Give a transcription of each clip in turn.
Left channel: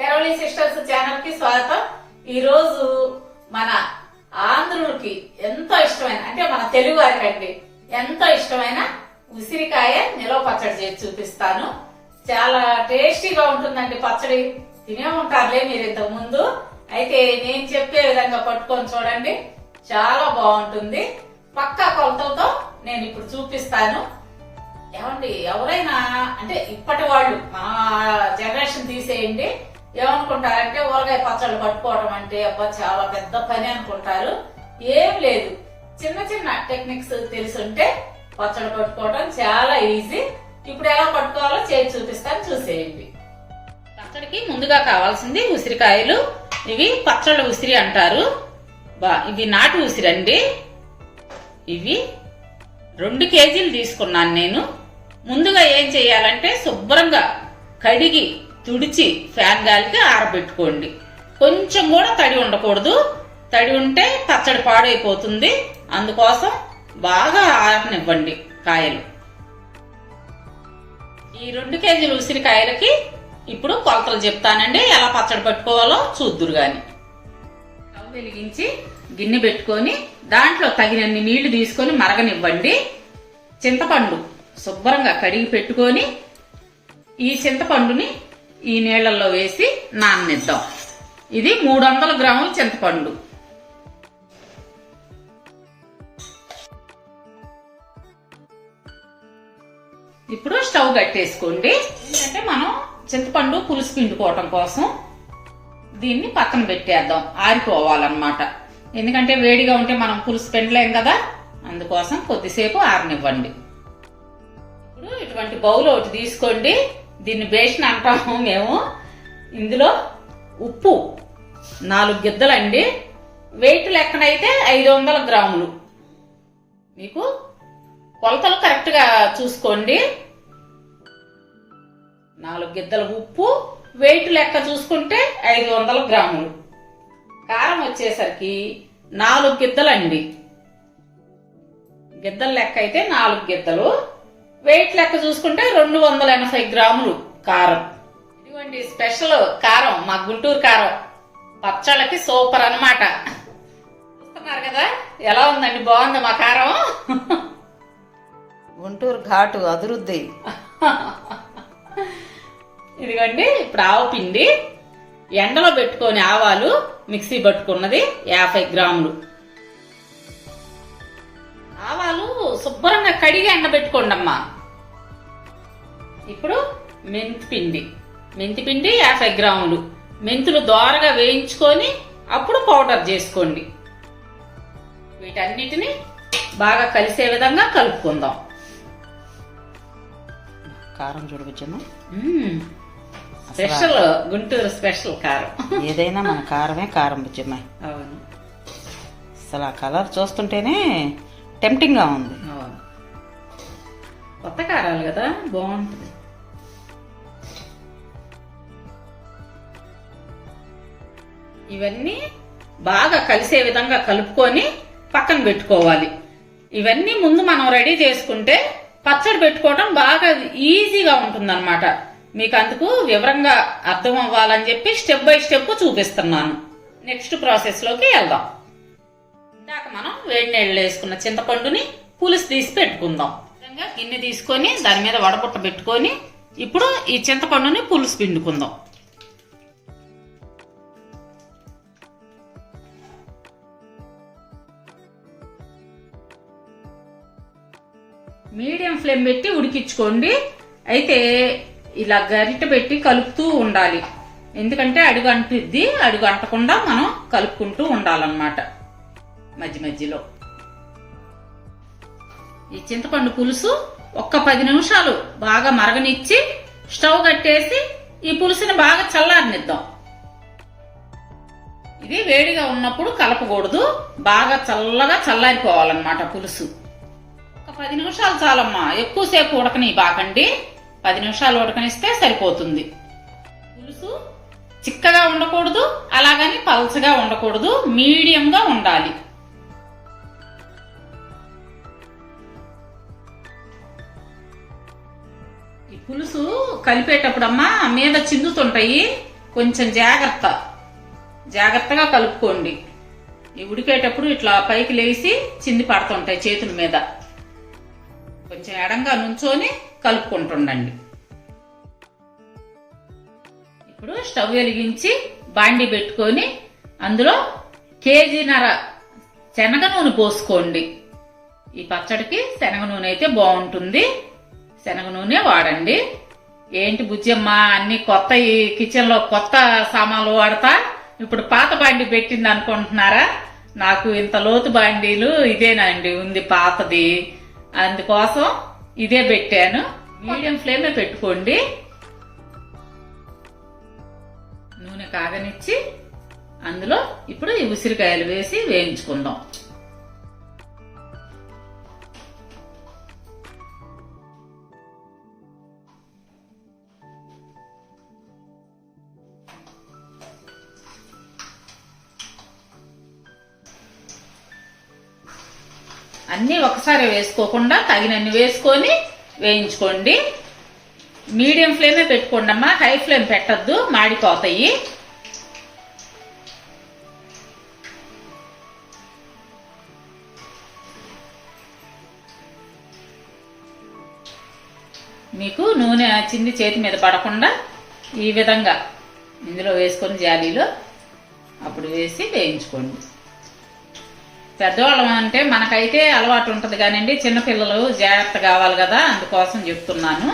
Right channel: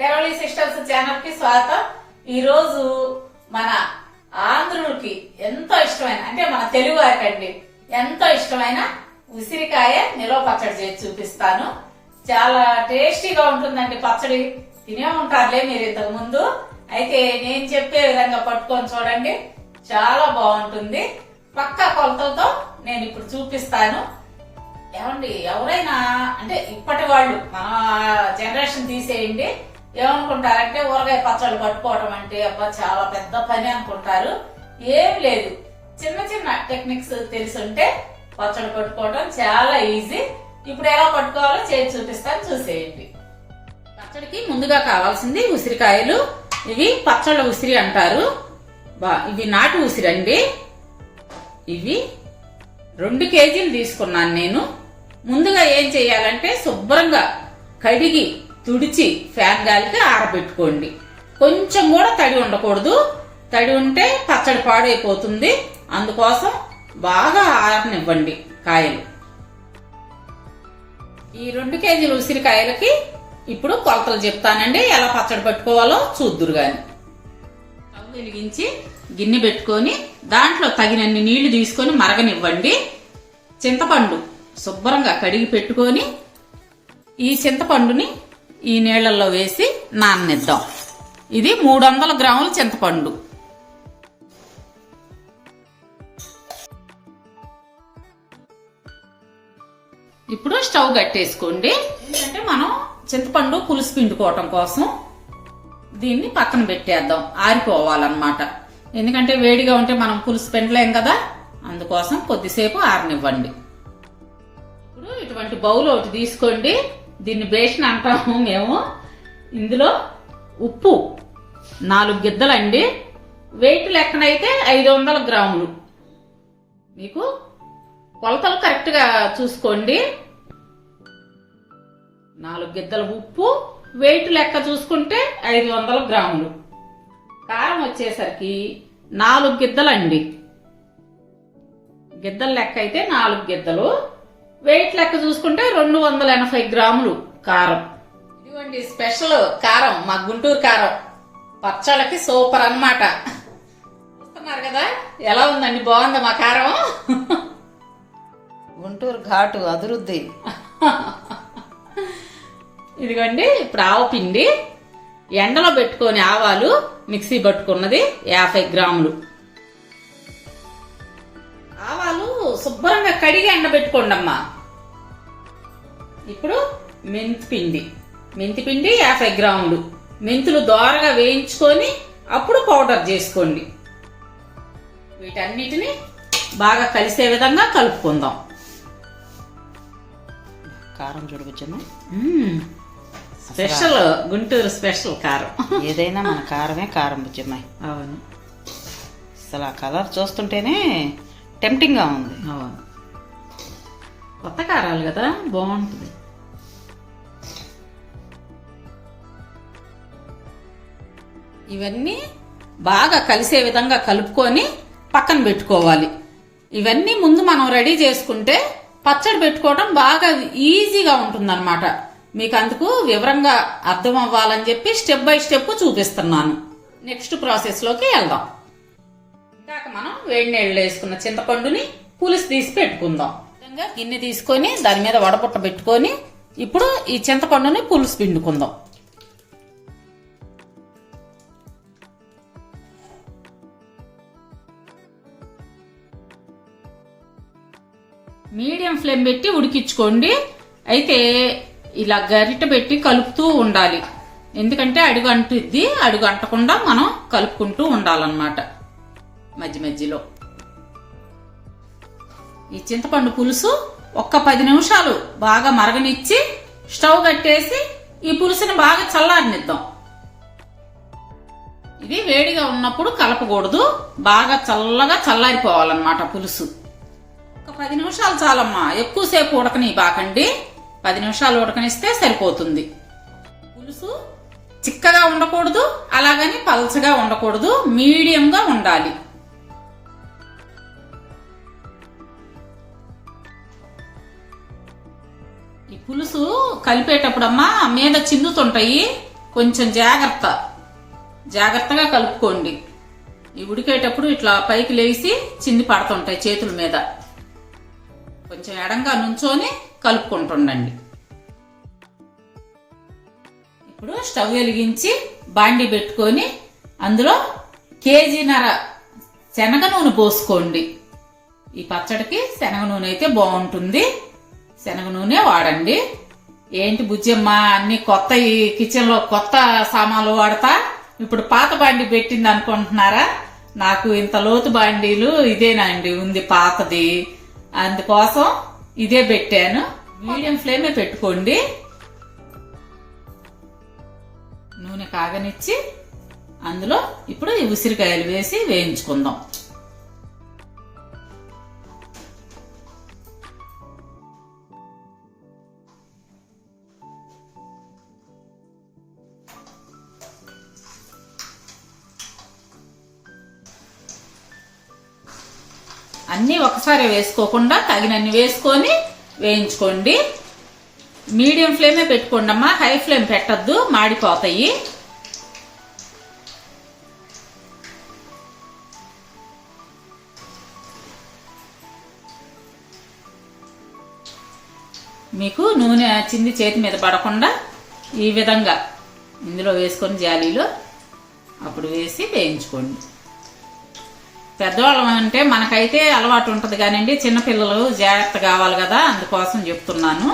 Family sisters ఛానల్కి స్వాగతం. ఈ రోజు మన ఆంధ్రులకి ఎంతో ఇష్టమైన అంటే మన తెలుగు వారికండి ఎంతో ఇష్టమైన ఉసిరికాయ నిలవ పచ్చడి చేసి చూపిస్తాను. చాలా టేస్టీగా ఉంటుందండి పచ్చడి. తినే ఉంటారులే మీరు ఇంతకు ముందు. అయితే నేను చెప్పే విధంగా పట్టుకొని చూడండి. చాలా బాగుంటుంది. పక్కా కొలతలతో నేను ఇప్పుడు చూపిస్తాను. ఏమండి ఎవరైనా అంటే ఇప్పటి వాళ్ళు మన జనరేషన్ తీసేయండి. ఏమనుకుంటారంటే ఊరగాయ పచ్చళ్ళు పట్టుకోవటం అంటే అబ్బా చాలా పెద్ద పని అనుకుంటారు. ఏం లేదు. చిన్న చిన్న టెక్నిక్స్ తెలుసుంటే పచ్చళ్ళు పట్టుకోవటం చాలా ఈజీ. ఇప్పుడు ఎలా పట్టుకోవాలో చేసి చూపిస్తాను చూసేయండి. పచ్చడికి ముందుగా కావాల్సింది ఉసిరికాయలు. ఇవి పచ్చళ్ళ ఉసిరి అంటారు. బా ఇవి నాటు ఉసిరి అండి. ఇవి రెండు కేజీలు తీసుకున్నాను నేను. ముందుగా ఏం చేయాలంటే శుభ్రంగా కడిగి తుడిచి ఫ్యాన్ గాలికి ఆరబెట్టుకోండి. కొంచెం కూడా తడి ఉండకూడదు. తడి ఉంటే పచ్చడి పాడైపోతుంది. అందుకోసం బాగా ఆరనివ్వండి కాయలు. ఈ రెండు కేజీలు ఉసిరికాయలకి ఇప్పుడు కొలతలు చెప్తానండి. ఎలా పచ్చడి పట్టుకోవాలో చూద్దురు గాని. వెలిగించి గిన్నె పెట్టుకొని దాంట్లో తగినన్ని నీళ్ళు తీసుకొని మరగనివ్వండి. చింతపండు శుభ్రంగా కడిగి పెట్టుకొని ఈ చింతపండుని ఈ నీళ్ళల్లో వేసి నాననిద్దాం. ఇది మూడు వందల గ్రాముల చింతపండు. ఇప్పుడు స్టవ్ కట్టేసుకోండి. ఎందుకంటే మనం చింతపండు పులుసు పిండుకోవటం కోసం దీన్ని పక్కన పెట్టేద్దాం. ఆరిపోవాలన్నమాట. ఎందుకంటే వేడిగా ఉంటే మనం పులుసు పిండలేం కదా? అందుకోసం కొద్దిసేపు ఆరనివ్వండి. ఇప్పుడు ఇటువంటి బౌల్ ఒకటి తీసుకోండి. దీన్ని బేషన్ అంటాము మేము. ఇందులో ఉప్పు నాలుగు గిద్దలండి. వెయిట్ లెక్కనైతే ఐదు వందల గ్రాములు. మీకు కొలతలు కరెక్ట్గా చూసుకోండి. నాలుగు గిద్దల ఉప్పు వెయిట్ లెక్క చూసుకుంటే ఐదు వందల గ్రాములు. కారం వచ్చేసరికి నాలుగు గిద్దలండి. గిద్దల లెక్క అయితే నాలుగు గిద్దలు. వెయిట్ లెక్క చూసుకుంటే రెండు వందల ఎనభై గ్రాములు కారం. ఇదిగోండి స్పెషల్ కారం మా గుంటూరు కారం. పచ్చళ్ళకి సూపర్ అన్నమాట. చూస్తున్నారు కదా ఎలా ఉందండి? బాగుందా మా కారం? గుంటూరు ఘాటు అదురుద్ది ఇదిగోండి ఇప్పుడు ఆవ పిండి. ఎండలో పెట్టుకొని ఆవాలు మిక్సీ పట్టుకున్నది యాభై గ్రాములు. శుభ్రంగా కడిగి ఎండబెట్టుకోండి అమ్మా ఇప్పుడు మెంతి పిండి. మెంతి పిండి యాభై గ్రాములు. మెంతులు దోరగా వేయించుకొని అప్పుడు పౌడర్ చేసుకోండి. వీటన్నిటిని బాగా కలిసే విధంగా కలుపుకుందాం. కారం చూడవచ్చును. స్పెషల్ గుంటూరు స్పెషల్ కారం. ఏదైనా మన కారమే కారం బుజ్జమ్మాయి అవును. అసలు ఆ కలర్ చూస్తుంటేనే టెంప్టింగ్గా ఉంది. కొత్త కారాలు కదా బాగుంటుంది. ఇవన్నీ బాగా కలిసే విధంగా కలుపుకొని పక్కన పెట్టుకోవాలి. ఇవన్నీ ముందు మనం రెడీ చేసుకుంటే పచ్చడి పెట్టుకోవడం బాగా ఈజీగా ఉంటుందన్నమాట. మీకు అందుకు వివరంగా అర్థం అవ్వాలని చెప్పి స్టెప్ బై స్టెప్ చూపిస్తున్నాను. నెక్స్ట్ ప్రాసెస్లోకి వెళ్దాం. వేడి నీళ్ళు వేసుకున్న చింతపండుని పులుసు తీసి పెట్టుకుందాం. విధంగా గిన్నె తీసుకొని దాని మీద వడపుట్ట పెట్టుకొని ఇప్పుడు ఈ చింతపండుని పులుసు పిండుకుందాం. మీడియం ఫ్లేమ్ పెట్టి ఉడికించుకోండి. అయితే ఇలా గరిట పెట్టి కలుపుతూ ఉండాలి. ఎందుకంటే అడుగు అంటుద్ది అడుగు అంటకుండా మనం కలుపుకుంటూ ఉండాలన్నమాట. మధ్య మధ్యలో. ఈ చింతపండు పులుసు ఒక్క పది నిమిషాలు బాగా మరగనిచ్చి స్టవ్ కట్టేసి ఈ పులుసుని బాగా చల్లారనిద్దాం. ఇది వేడిగా ఉన్నప్పుడు కలపకూడదు. బాగా చల్లగా చల్లారిపోవాలన్నమాట పులుసు. ఒక పది నిమిషాలు చాలమ్మా. ఎక్కువసేపు ఉడకని బాకండి పది నిమిషాలు ఉడకనిస్తే సరిపోతుంది. పులుసు చిక్కగా ఉండకూడదు అలాగని పల్చగా ఉండకూడదు మీడియంగా ఉండాలి. పులుసు కలిపేటప్పుడమ్మా మీద చిందుతుంటాయి. కొంచెం జాగ్రత్త. జాగ్రత్తగా కలుపుకోండి. ఈ ఉడికేటప్పుడు ఇట్లా పైకి లేచి చింది పడుతుంటాయి చేతుల మీద. కొంచెం ఎడంగా నుంచొని కలుపుకుంటుండండి. ఇప్పుడు స్టవ్ వెలిగించి బాండి పెట్టుకొని అందులో కేజీన్నర శనగ నూనె పోసుకోండి. ఈ పచ్చడికి శనగ నూనె అయితే బాగుంటుంది. శనగ నూనె వాడండి. ఏంటి బుజ్జమ్మ అన్ని కొత్త ఈ కిచెన్లో కొత్త సామాన్లు వాడతా? ఇప్పుడు పాత బాండి పెట్టింది అనుకుంటున్నారా? నాకు ఇంత లోతు బాండీలు ఇదేనండి ఉంది పాతది. అందుకోసం ఇదే పెట్టాను. మీడియం ఫ్లేమే పెట్టుకోండి. నూనె కాగనిచ్చి అందులో ఇప్పుడు ఈ ఉసిరికాయలు వేసి వేయించుకుందాం. అన్నీ ఒకసారి వేసుకోకుండా తగినన్ని వేసుకొని వేయించుకోండి. మీడియం ఫ్లేమే పెట్టుకోండి అమ్మా. హై ఫ్లేమ్ పెట్టద్దు. మాడిపోతాయి. మీకు నూనె చింది చేతి మీద పడకుండా ఈ విధంగా ఇందులో వేసుకొని జాలీలో అప్పుడు వేసి వేయించుకోండి. పెద్దవాళ్ళం అంటే మనకైతే అలవాటు ఉంటుంది కానివ్వండి చిన్నపిల్లలు జాగ్రత్త కావాలి కదా అందుకోసం చెప్తున్నాను.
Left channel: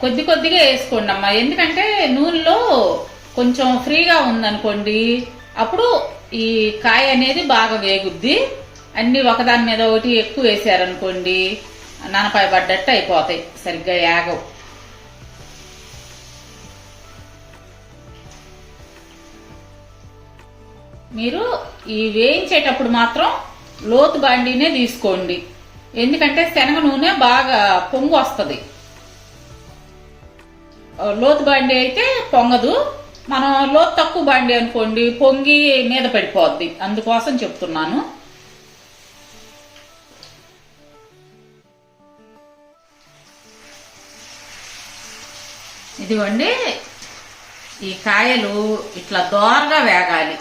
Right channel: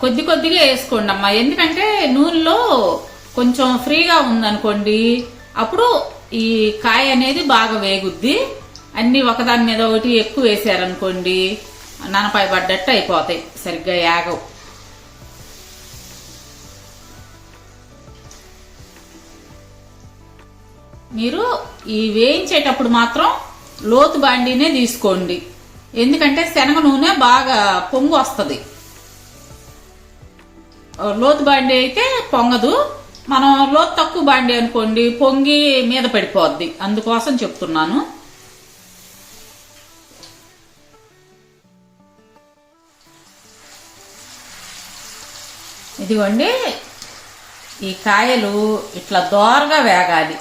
కొద్ది కొద్దిగా వేసుకోండి అమ్మా. ఎందుకంటే నూనెలో కొంచెం ఫ్రీగా ఉందనుకోండి అప్పుడు ఈ కాయ అనేది బాగా వేగుద్ది. అన్ని ఒకదాని మీద ఒకటి ఎక్కువ వేసారనుకోండి నానపాయ పడ్డట్టు అయిపోతాయి. సరిగ్గా యాగవు. మీరు ఈ వేయించేటప్పుడు మాత్రం లోతు బాండీనే తీసుకోండి. ఎందుకంటే శనగ నూనె బాగా పొంగు వస్తుంది. లోతు బాండి అయితే పొంగదు. మనం లోతు తక్కువ బాండి అనుకోండి పొంగి మీద పడిపోద్ది. అందుకోసం చెప్తున్నాను. ఇదిగోండి ఈ కాయలు ఇట్లా దోరగా వేగాలి.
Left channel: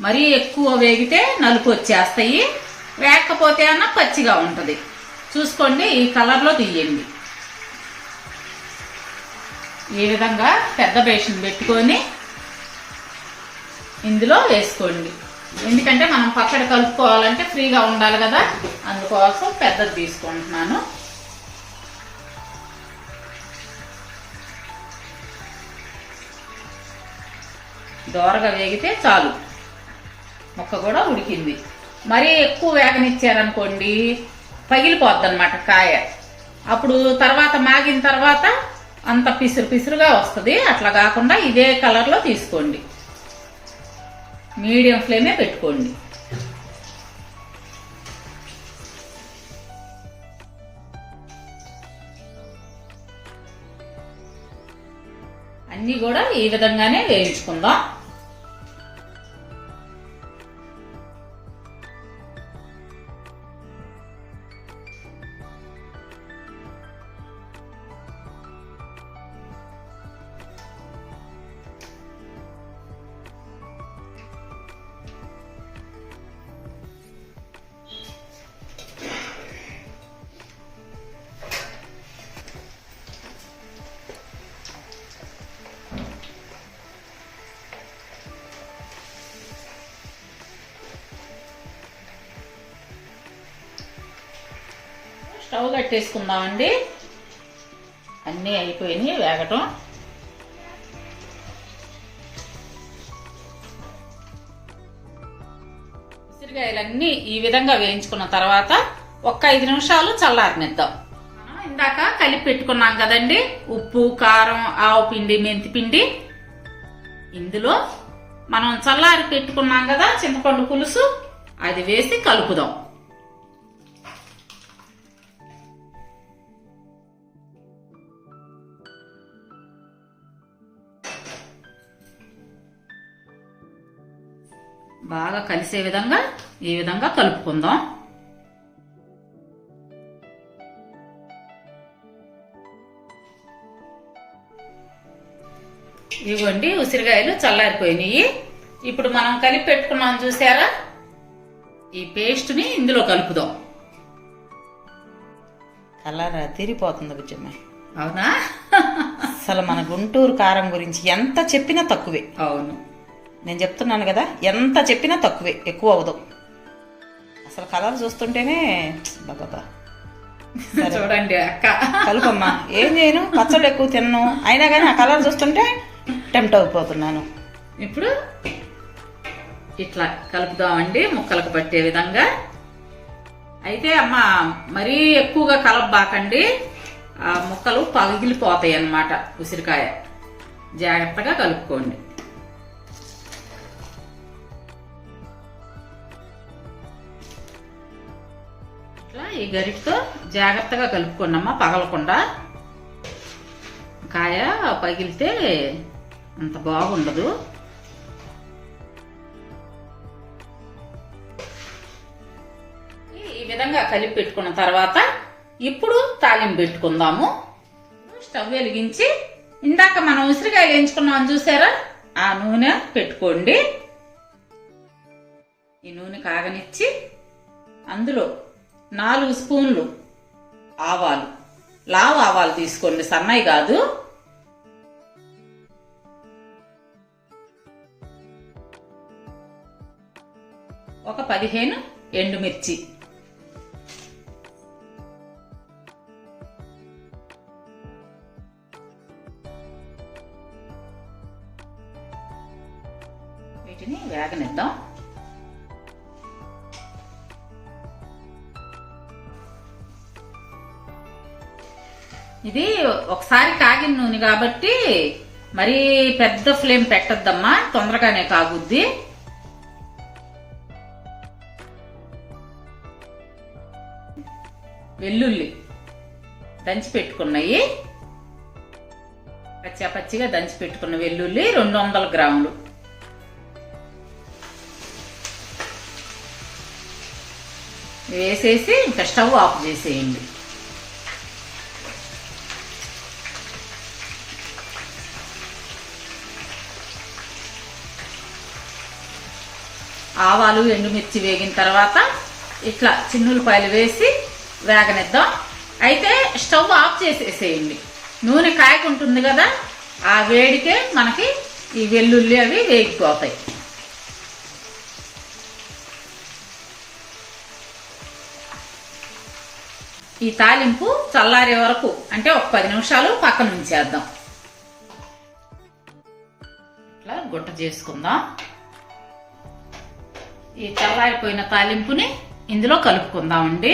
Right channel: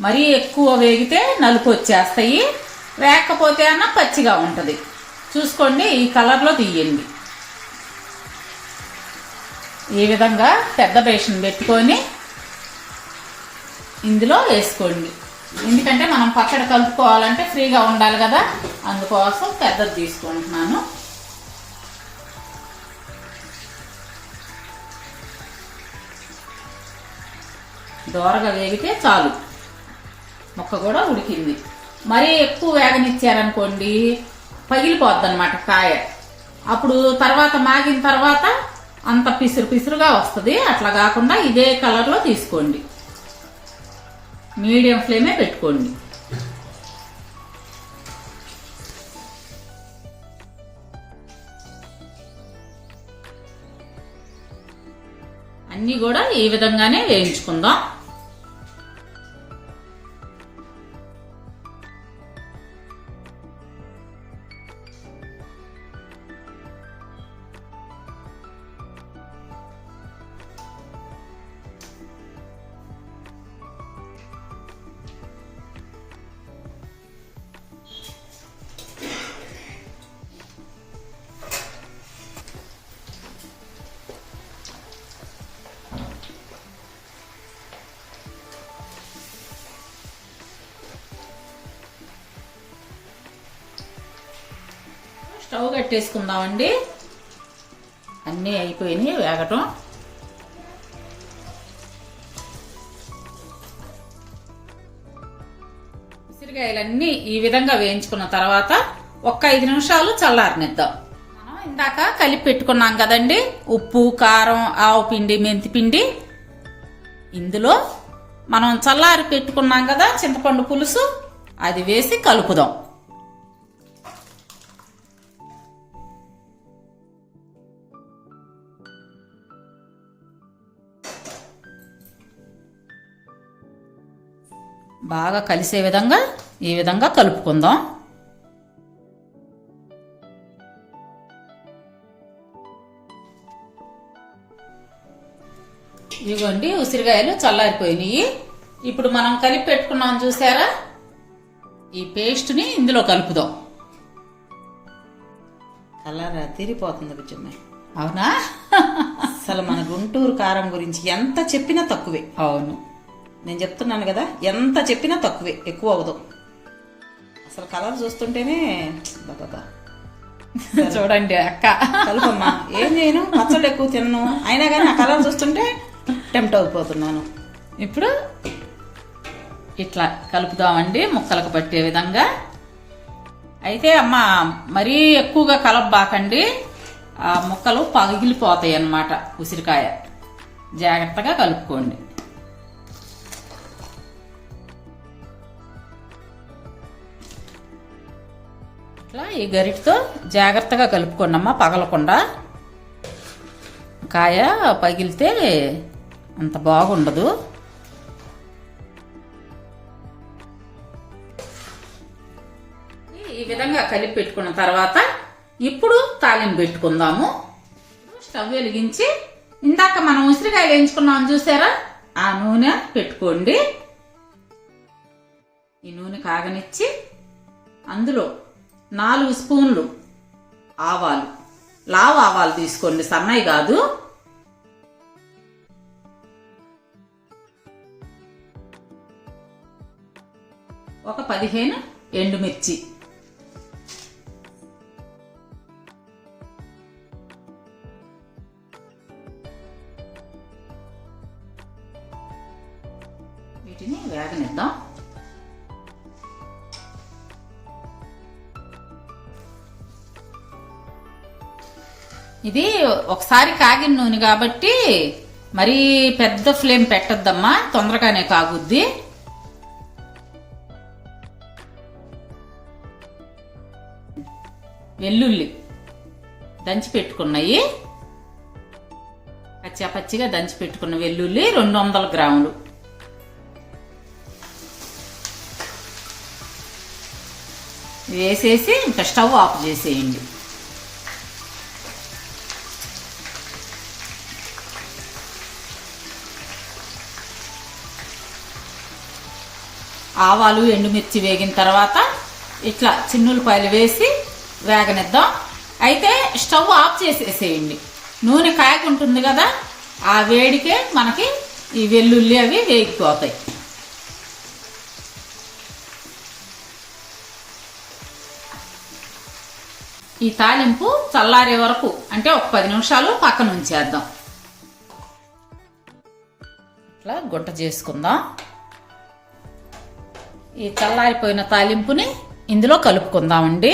మరీ ఎక్కువ వేగితే నలుపు వచ్చేస్తాయి. వేగకపోతే అన్న పచ్చిగా ఉంటుంది. చూసుకోండి ఈ కలర్లో తీయండి. ఈ విధంగా పెద్ద బేషన్ పెట్టుకొని ఇందులో వేసుకోండి. ఎందుకంటే మనం పచ్చడి కలుపుకోవాలంటే ఫ్రీగా ఉండాలి కదా. అందుకోసం పెద్దది తీసుకుంటున్నాను. దోరగా వేగితే చాలు. ముక్క కూడా ఉడికింది. మరీ ఎక్కువ వేగనిచ్చారనుకోండి పగిలిపోద్ది అనమాట కాయ. అప్పుడు తర్వాత మాగిన తర్వాత అంత పిసురు పిసురుగా వస్తుంది. అట్లా కాకుండా ఇదే కలర్లో తీసుకోండి. మీడియం ఫ్లేమే పెట్టుకోండి. అన్నీ కూడా ఈ విధంగానే వేయించుకుందాం. పెట్టేసుకుందామండి. అన్నీ అయిపోయినాయి వేగటం. ఉసిరికాయలన్నీ ఈ విధంగా వేయించుకున్న తర్వాత ఒక్క ఐదు నిమిషాలు చల్లారనిద్దాం. మనం ఇందాక కలిపి పెట్టుకున్నాం కదండి. ఉప్పు కారం ఆవు పిండి మెంతి పిండి. ఇందులో మనం చల్లారి పెట్టుకున్నాం కదా చింతపండు పులుసు. అది వేసి కలుపుదాం. బాగా కలిసే విధంగా ఈ విధంగా కలుపుకుందాం. ఇవ్వండి ఉసిరికాయలు చల్లారిపోయినాయి. ఇప్పుడు మనం కలిపి పెట్టుకున్నాం చూసారా? ఈ పేస్ట్ని ఇందులో కలుపుదాం. కలర్ తీరిపోతుంది బుజ్జమ్మ. అవునా? అసలు మన గుంటూరు కారం గురించి ఎంత చెప్పినా తక్కువే. అవును. నేను చెప్తున్నాను కదా ఎంత చెప్పినా తక్కువే ఎక్కువ అవ్వదు. అసలు కలర్ చూస్తుంటేనే బాబా చూడండి అక్క. కలుపమ్మా. ఏం చేయను? పచ్చళ్ళు ఎక్కువ తిన్ను. అయినా కానీ ఆ కలర్ చూస్తుంటే టెంప్ట్ అయిపోతున్నాను. ఇప్పుడు ఇట్లా కలుపుదామండి ముక్కలకు పట్టే విధంగా. అయితే అమ్మ మరీ ఎక్కువగా కలపబాకండి. ఆ ముక్కలు పగిలిపోతాయి అన్నమాట ఉసిరికాయ. జాగ్రత్తగా కలుపుకోండి. ఇట్లా ఈ గరిటితో జాగ్రత్తగా కలుపుకోండమ్మా పగలకుండా. కాయ పగిలితే అంత బాగుండదు. ఈ విధంగా కలిపి పెట్టుకున్న తర్వాత ఇప్పుడు తాలింపు పెట్టుకుందాము. స్టవ్ వెలిగించి ఇందాక మనం ఉసిరికాయలు వేయించుకున్నాం చూసారా? ఆ నూనె పెట్టుకోండి. ఈ నూనె కాగనిచ్చి అందులో నాలుగు స్పూన్లు ఆవాలు. లావు ఆవాలు తీసుకోండి సన్నయి కాదు. ఒక పదిహేను ఎండుమిర్చి. ఇది ఒకసారి కాగిన నూనె కాబట్టి మరీ పెద్ద ఫ్లేమ్ పెట్టద్దమ్మా తొందరగానే కాగుద్ది. వెల్లుల్లి దంచి పెట్టుకున్నాయి. పచ్చా పచ్చిగా దంచి పెట్టుకున్న వెల్లుల్లి రెండు వందల గ్రాములు. వేసేసి ఇంకా స్టవ్ ఆఫ్ చేసేయండి. ఆవాలు ఎండుమిర్చి వేగిన తర్వాత ఇట్లా చిన్నులపాయలు వేసి వేగనిద్దాం. అయితే స్టవ్ ఆఫ్ చేసేసేయండి. నూనె కాయకుంటుంది కదా ఆ వేడికే మనకి ఈ వెల్లుల్లి అవి వేగిపోతాయి. ఈ తాలింపు చల్లారే వరకు అంటే ఒక పది నిమిషాలు పక్కన ఉంచేద్దాం. ఇట్లా గుట్ట చేసుకుందాం. ఈ చల్లారిపోయిన తాలింపుని ఇందులో కలుపుకుందామండి.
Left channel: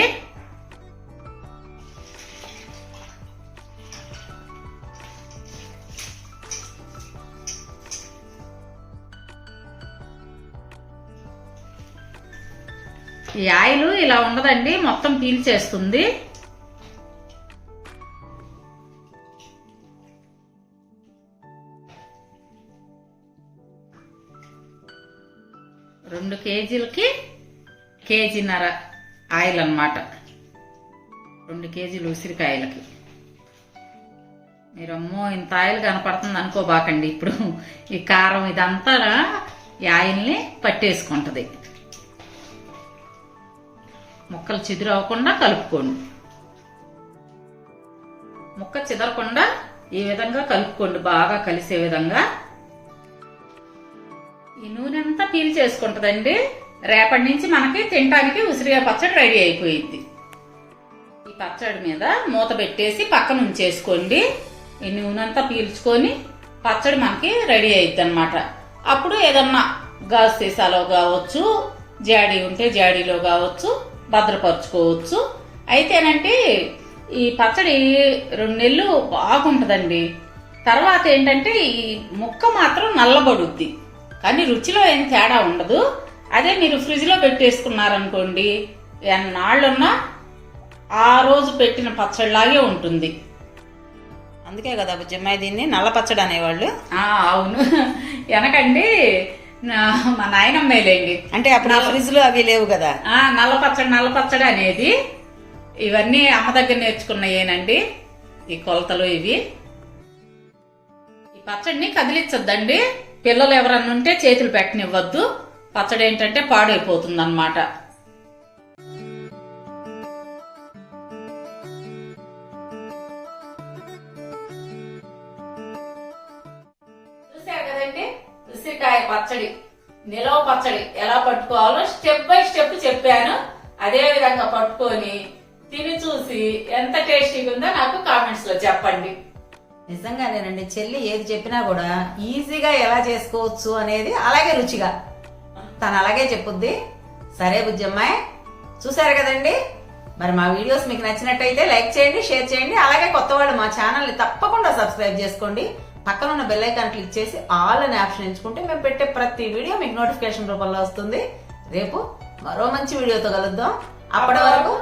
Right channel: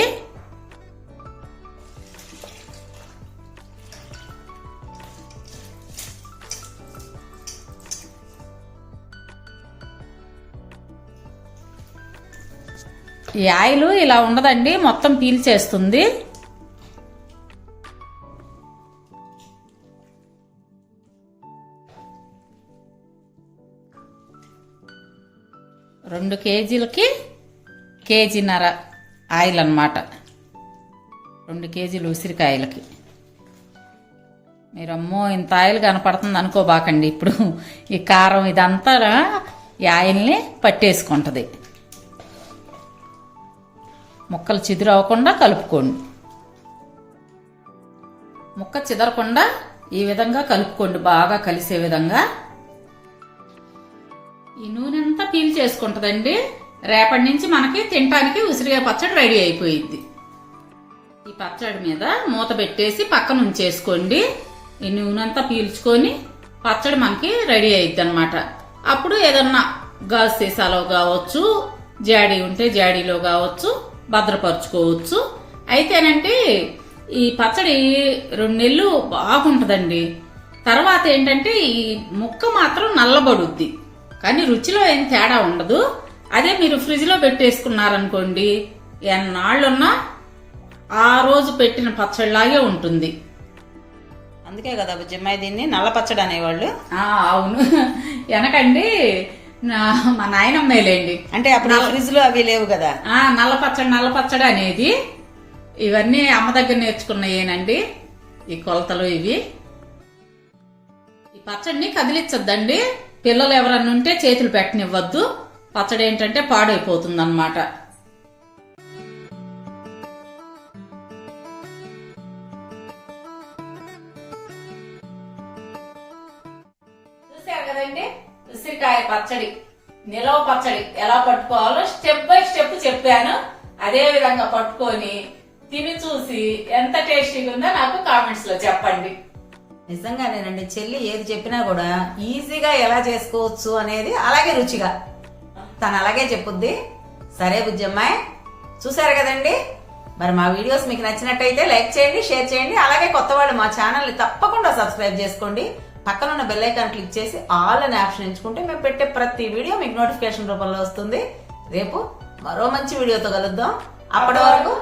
ఈ ఆయిల్ ఇలా ఉండదండి మొత్తం పీల్చేస్తుంది. రెండు కేజీలకి కేజీన్నర ఆయిల్ అన్నమాట రెండు కేజీలు ఉసిరికాయలకి. మీరమ్మో ఇంత ఆయిల్ కనపడుతుంది అనుకోబాకండి ఇప్పుడు. ఈ కారం ఇదంతా ఈ ఆయిల్ని పట్టేసుకుంటుంది. ముక్కలు చిదురు అవ్వకుండా కలుపుకోండి. ముక్క చిదరకుండా ఈ విధంగా కలుపుకోండి. బాగా కలిసే విధంగా చేసుకుంటుందండి. రేపటి నుంచి మనకి తినటానికి ఉసిరిగా పచ్చడి రెడీ అయిపోయింది ఈ పచ్చడి మీద మూత పెట్టేసి పక్కన ఉంచేసుకోండి. ఈ నూనె అంతా పీల్చుకొని పచ్చడి మనకి రెడీ అయిద్ది అనమాట అప్పుడు ఏదన్నా గాజు సీసాలో కావచ్చు జాడీ ఉంటే జాడీలో కావచ్చు భద్రపరుచుకోవచ్చు. అయితేనంటే ఈ పచ్చడి రెండు నెలలు బాగుంటుందండి. తర్వాత ఏంటంటే ఈ ముక్క మాత్రం నల్లబడుద్ది. కానీ రుచిలో ఏం తేడా ఉండదు. అదే మీరు ఫ్రిడ్జ్లో పెట్టేసుకున్నారనుకోండి ఎన్నాళ్ళున్నా ఆ రోజు పెట్టిన పచ్చడిలాగే ఉంటుంది. అందుకే కదా బుజ్జమ్మాయి దీన్ని నల్ల పచ్చడి అనేవాళ్ళు. అవును. వెనకండి నా- మా నాయనమ్మేలేండి అంటే అప్పుడు ఫ్రిడ్జ్లో అవి లేవు కదా. నల్ల పచ్చడి నల్ల పచ్చడి అనేది ఇవన్నీ అమ్మ దగ్గర నేర్చుకున్నాయేనండి ఈ కొలతలు ఇవి. ఈ పచ్చడిని కదిలించొద్దండి. పిల్లలు ఎవరన్నా ఉంటే చేతులు పెట్టనివ్వద్దు. పచ్చడి ఏంటంటే పాడైపోతుంది అనమాట చూసారు కదండి? ఉసిరికాయ పచ్చడి. నిలవ పచ్చడి. ఎలా పట్టుకోవాలో స్టెప్ బై స్టెప్ చెప్పాను. అదే విధంగా పట్టుకొని తిని చూసి ఎంత టేస్టీగా ఉందో నాకు కామెంట్స్లో చెప్పండి. నిజంగానేనండి. చెల్లి ఏది చెప్పినా కూడా ఈజీగా ఎలా చేసుకోవచ్చు అనేది అలాగే రుచిగా. తను అలాగే చెప్పుద్ది. సరే బుజ్జమ్మాయి చూసారు కదండి? మరి మా వీడియోస్ మీకు నచ్చినట్టయితే లైక్ చేయండి షేర్ చేయండి. అలాగే కొత్త వాళ్ళు మా ఛానల్ని తప్పకుండా సబ్స్క్రైబ్ చేసుకోండి. పక్కన ఉన్న బెల్ ఐకాన్ క్లిక్ చేసి ఆల్ అనే ఆప్షన్ ఎంచుకుంటే మేము పెట్టే ప్రతి వీడియో మీకు నోటిఫికేషన్ రూపంలో వస్తుంది. రేపు మరో మంచి వీడియోతో కలుద్దాం. అప్పటి వరకు